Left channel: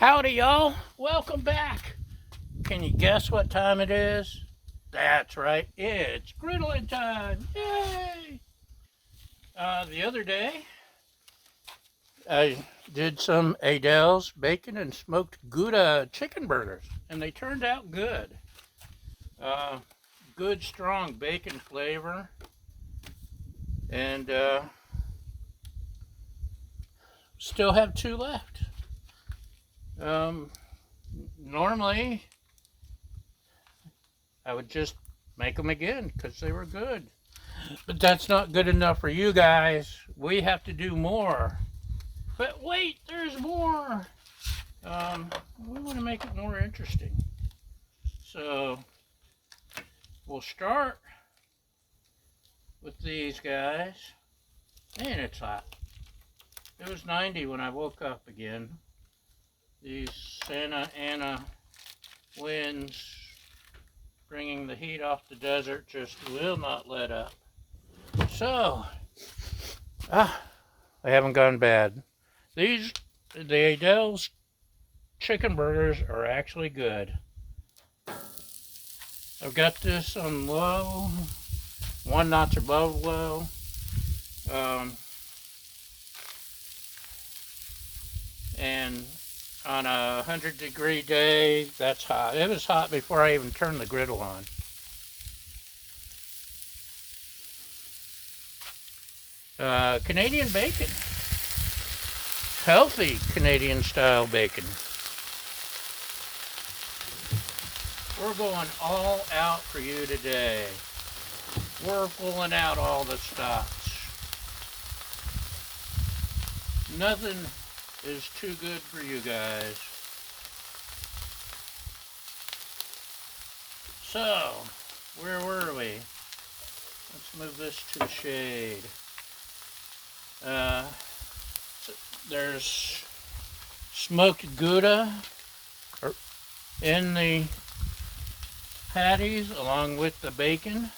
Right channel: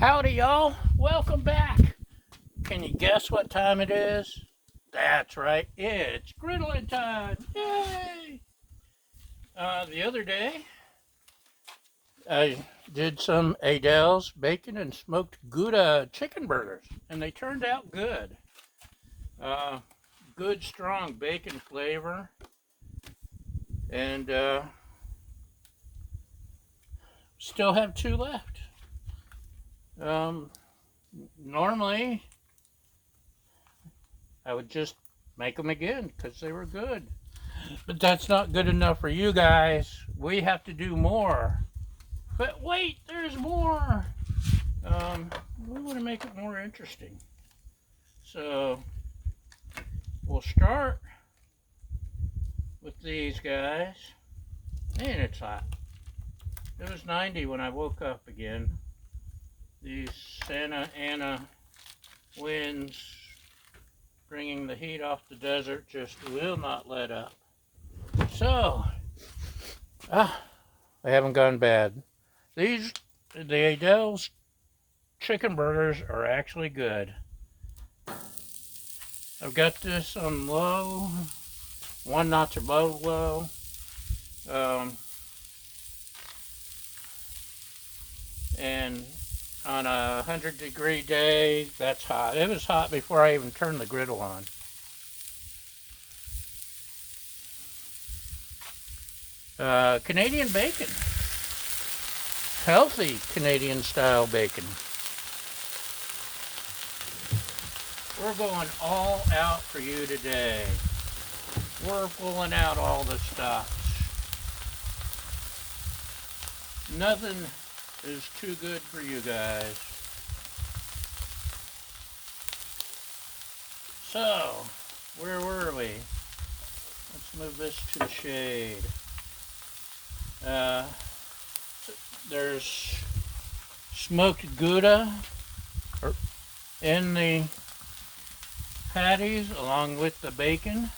Howdy, y'all. Welcome back. Can you guess what time it is? That's right. It's griddling time. Yay! The other day, I did some Aidells bacon and smoked Gouda chicken burgers, and they turned out good. Good, strong bacon flavor, and still have two left. Normally, I would just make them again because they were good. But that's not good enough for you guys. We have to do more. But wait, there's more. We want to make it more interesting. So, we'll start with these guys. And it's hot. It was 90 when I woke up again. These Santa Ana winds bringing the heat off the desert just will not let up. So, they haven't gone bad. The Aidells chicken burgers are actually good. I've got this on low, 1 notch above low. And on a 100-degree day, that's hot. It was hot before I even turned the griddle on. Canadian bacon. Healthy Canadian style bacon. We're going all out for you today. We're pulling out all the stops. Nothing is too good for you guys. So, where were we? Let's move this to shade. There's smoked Gouda in the patties along with the bacon,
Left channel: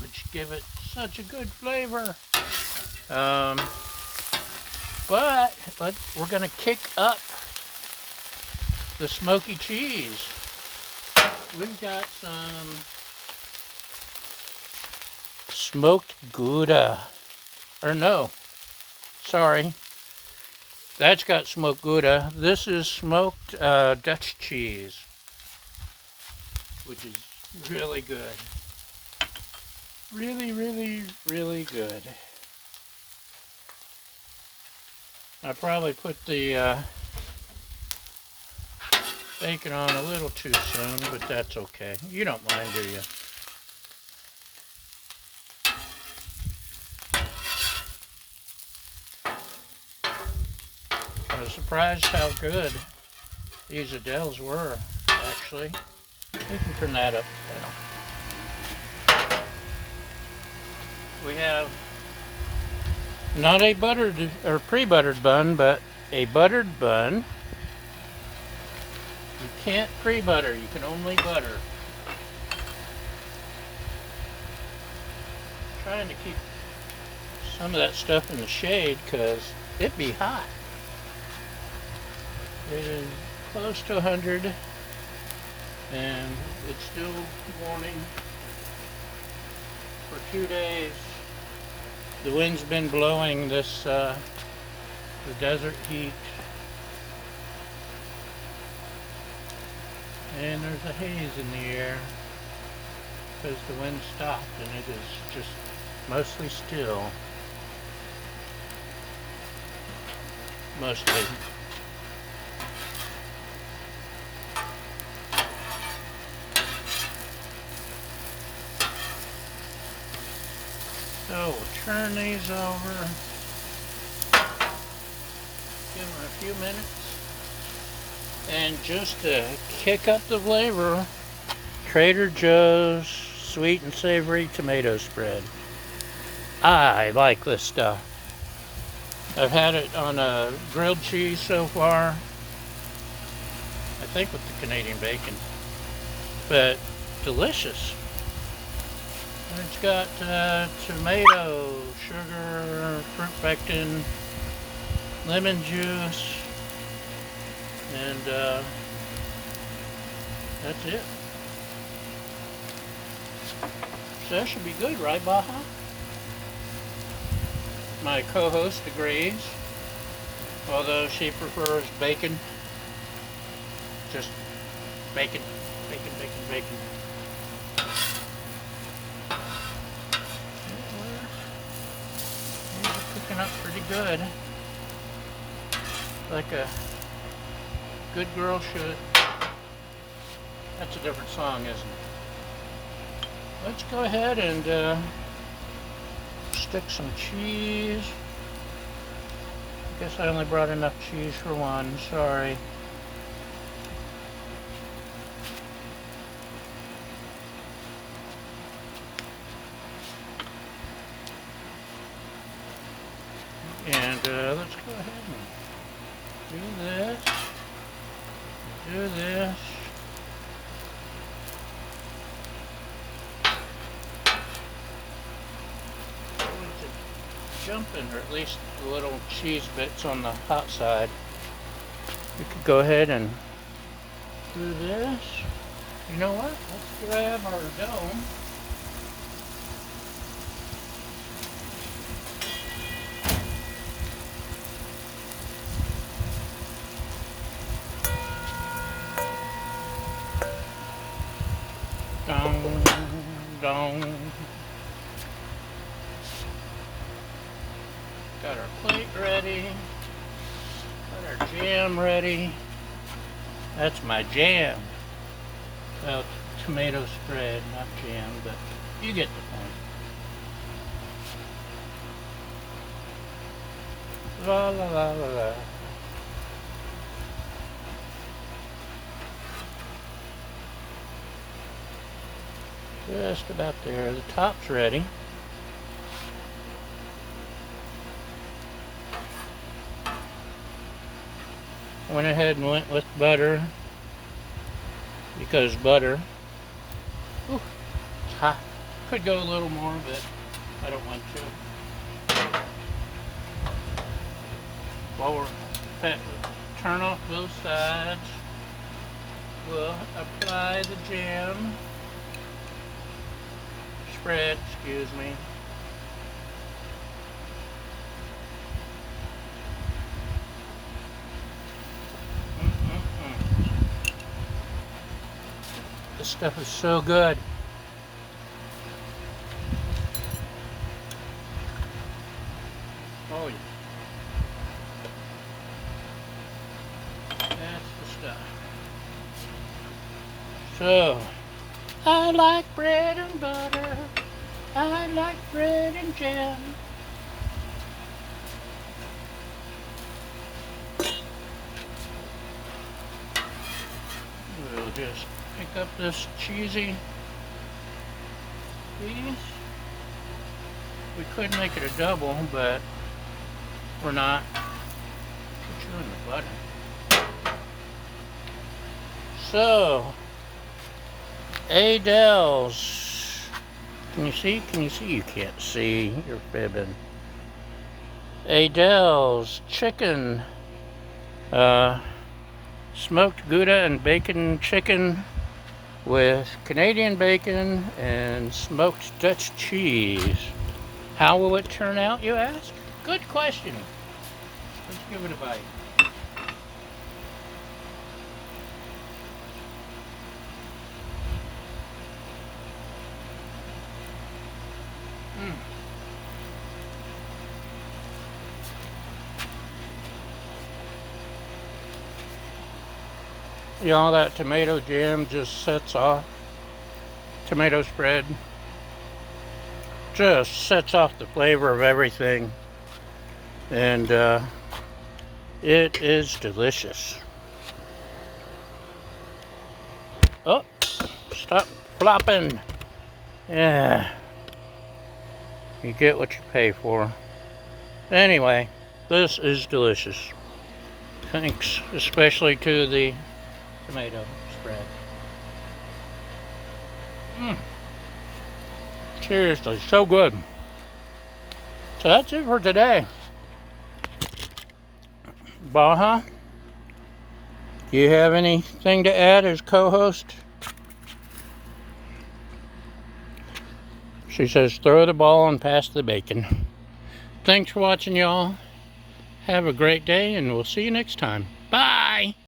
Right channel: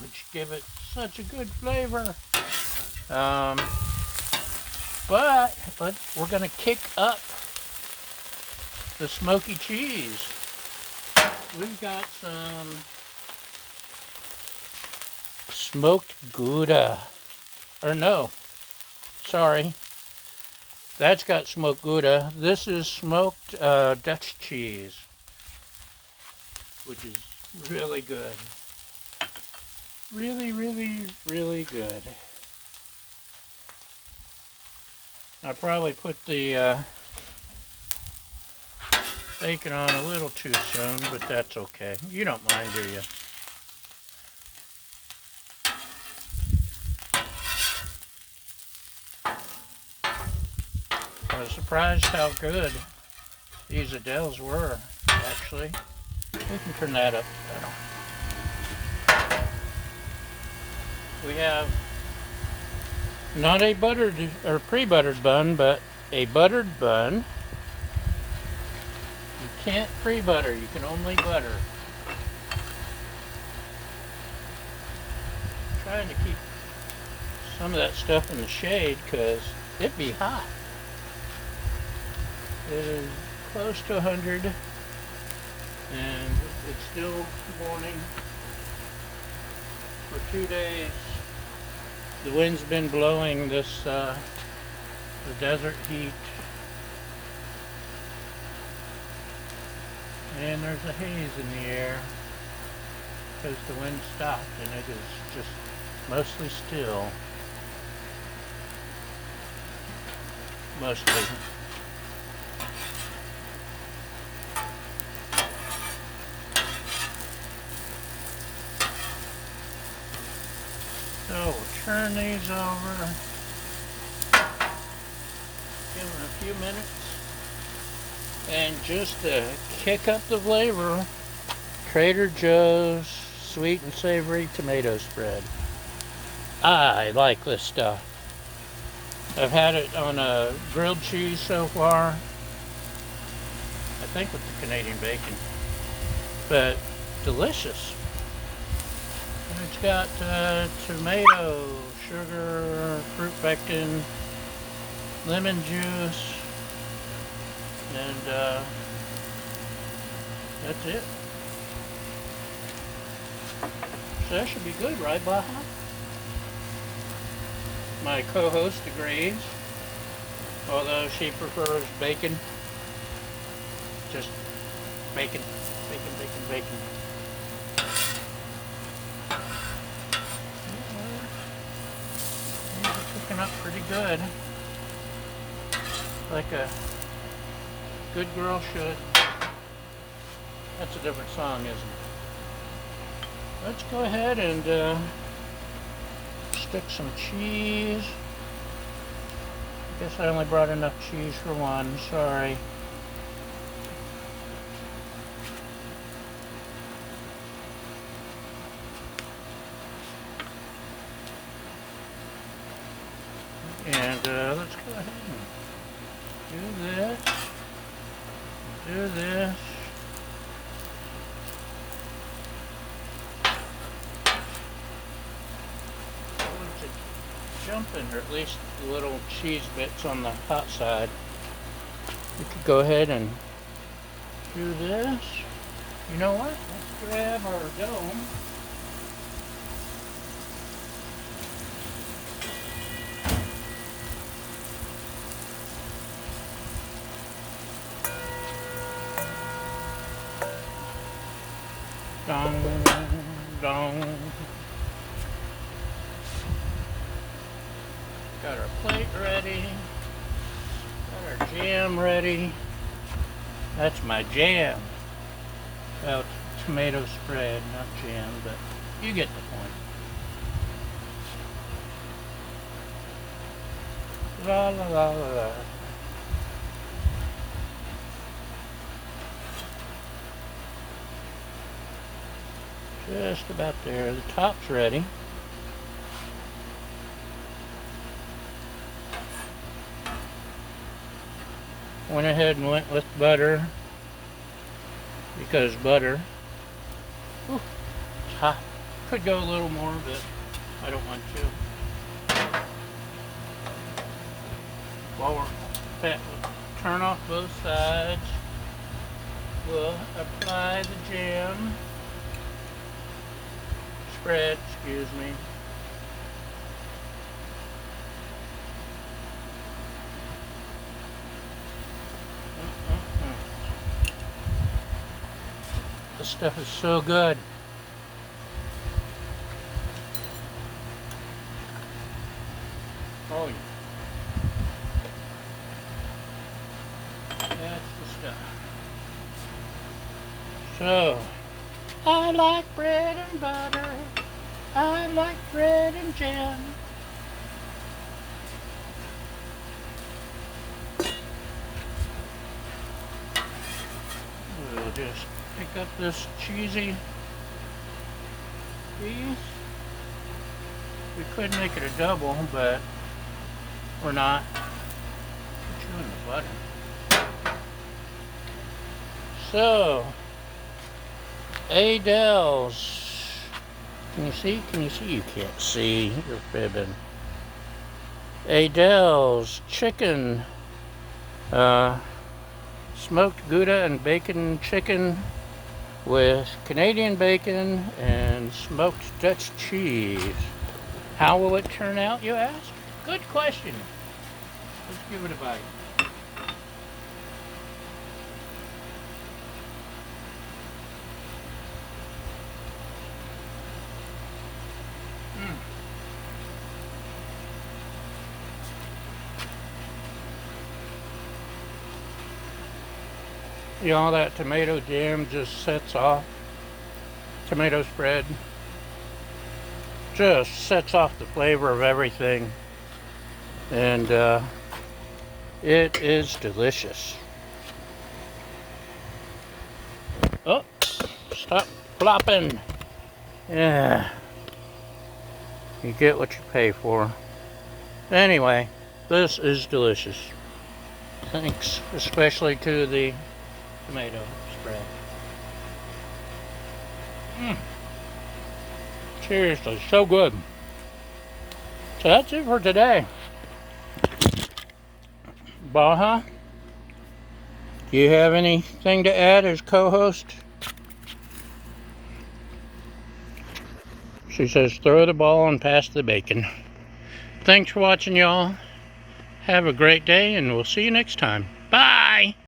which give it such a good flavor. But we're going to kick up the smoky cheese. We've got some smoked Gouda. Or no, sorry. That's got smoked Gouda. This is smoked Dutch cheese, which is really good. Really, really, really good. I probably put the bacon on a little too soon, but that's okay. You don't mind, do you? I was surprised how good these Aidells were, actually. We can turn that up now. We have not a buttered or pre-buttered bun, but a buttered bun. You can't pre-butter, you can only butter. I'm trying to keep some of that stuff in the shade because it'd be hot. It is close to 100 and it's still morning for 2 days. The wind's been blowing this, the desert heat. And there's a haze in the air because the wind stopped and it is just mostly still. Mostly. So we'll turn these over. Give them a few minutes. And just to kick up the flavor, Trader Joe's sweet and savory tomato spread. I like this stuff. I've had it on a grilled cheese so far. I think with the Canadian bacon. But delicious. And it's got tomato, sugar, fruit pectin, lemon juice, And that's it. So that should be good, right, Baja? My co-host agrees, although she prefers bacon. Just bacon, bacon, bacon, bacon. Cooking up pretty good, like a good girl should. That's a different song, isn't it? Let's go ahead and stick some cheese. Guess I only brought enough cheese for one, sorry. And let's go ahead and do this. Do this. Jumping, or at least the little cheese bits on the hot side. We could go ahead and do this. You know what? Let's grab our dough. Dong, dong. Got our plate ready. Got our jam ready. That's my jam. Well, tomato spread, not jam, but you get the point. La la la la la. Just about there. The top's ready. Went ahead and went with butter because butter, ooh, it's hot. Could go a little more, but I don't want to. While we're turn off both sides, we'll apply the jam spread, excuse me. This stuff is so good. Oh yeah. That's the stuff. So, I like bread and butter. I like bread and jam. We'll just pick up this cheesy piece. We could make it a double, but we're not. Put you in the butter. So, Aidells. Can you see? Can you see? You can't see. You're fibbing. Aidells chicken. Smoked Gouda and bacon chicken with Canadian bacon and smoked Dutch cheese. How will it turn out, you ask? Good question. Let's give it a bite. You know, that tomato jam just sets off, tomato spread, just sets off the flavor of everything, and it is delicious. Oh, stop flopping. Yeah, you get what you pay for. Anyway, this is delicious. Thanks especially to the tomato spread. Seriously, so good. So that's it for today. Baja, Do you have anything to add as co-host? She says throw the ball and pass the bacon. Thanks for watching, y'all. Have a great day, and we'll see you next time. Bye!